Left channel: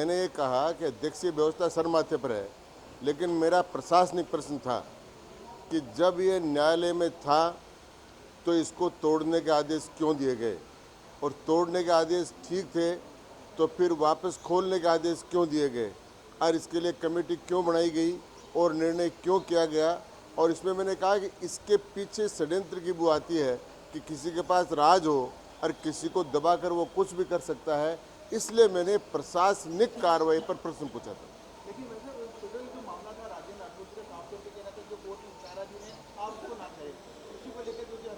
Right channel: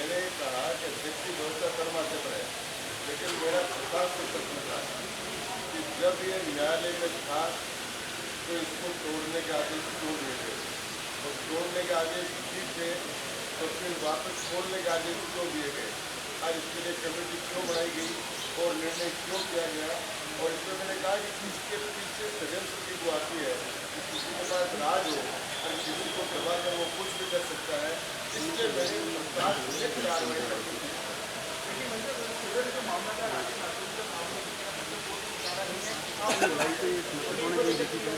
मैंने कहा कि अध्यक्षीय व्यवस्था सर माथे पर है, लेकिन मेरा प्रशासनिक प्रश्न था कि जब ये न्यायालय में था तो इसको तोड़ने के आदेश क्यों दिए गए, और तोड़ने के आदेश ठीक थे तो फिर वापस खोलने के आदेश क्यों दिए गए, और इसके लिए कमेटी क्यों बनाई गई और निर्णय क्यों किया गया। और इसमें मैंने कहा कि इसके पीछे षड्यंत्र की वो आती है कि किसी के पास राज हो और किसी को दबाकर वो कुछ भी कर सकता है, इसलिए मैंने प्रशासनिक कार्रवाई पर प्रश्न पूछा।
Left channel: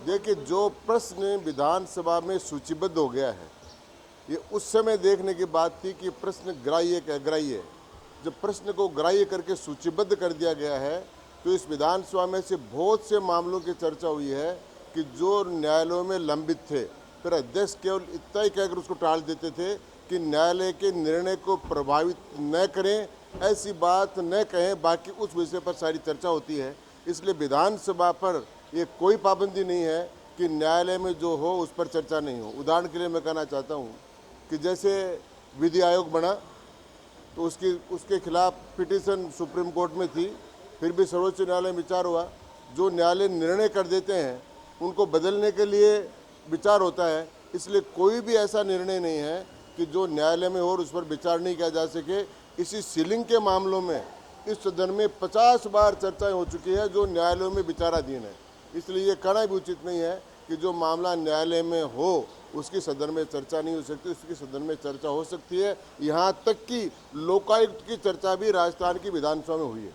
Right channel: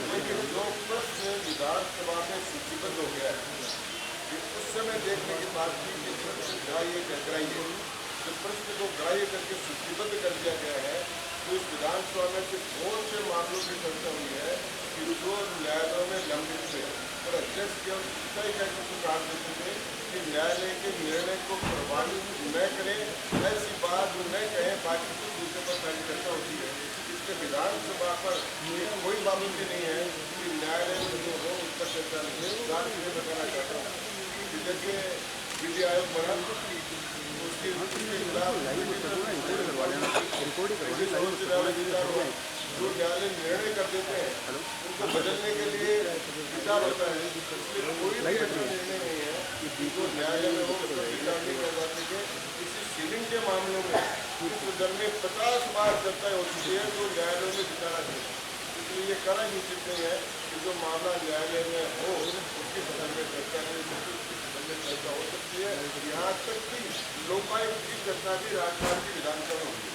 देखिए, जो प्रश्न विधानसभा में सूचीबद्ध हो गया है, ये उस समय देखने की बात थी कि ये प्रश्न ग्राह्य का ग्राह्य, जब प्रश्न को ग्राह्य करके सूचीबद्ध कर दिया गया है तो इस विधानसभा में से बहुत से मामलों की चर्चा हुई है कि जो न्यायालयों में लंबित थे, फिर अध्यक्ष केवल इतना ही कहकर उसको टाल देते थे कि न्यायालय के निर्णय को प्रभावित न करें, ऐसी बात न कहें, बाकी कुछ विषय पर सारी चर्चा होती है। इसलिए विधानसभा पर ये कोई पाबंदी नहीं है कि न्यायालय में जो हो उस पर चर्चा नहीं है। उदाहरण के लिए मैं कहना चाहता हूँ कि जैसे विधि आयोग बना तो उसके खिलाफ पिटीशन सुप्रीम कोर्ट में थी, फिर भी सर्वोच्च न्यायालय विचार हुआ। जो न्यायालय निर्णय कर देते हैं उनको बदलने के लिए विचार होता है, इसलिए कोई भी ऐसा निर्णय नहीं है कि जो न्यायालय में और उस पर विचार नहीं किया जा सके। इसी सीलिंग के मामलों में इस सदन में 50 बार चर्चाएं हो चुकी है जो न्यायालयों में विचाराधीन है, इसलिए ये कहना भी उचित नहीं है कि जो मामला न्यायालय में हो उसकी सदन में चर्चा नहीं हो सकती, उसकी सदन में चर्चा हो सकती है। यहाँ तक कि लोकायुक्त की चर्चा भी राजस्थान की विधानसभा में हुई है।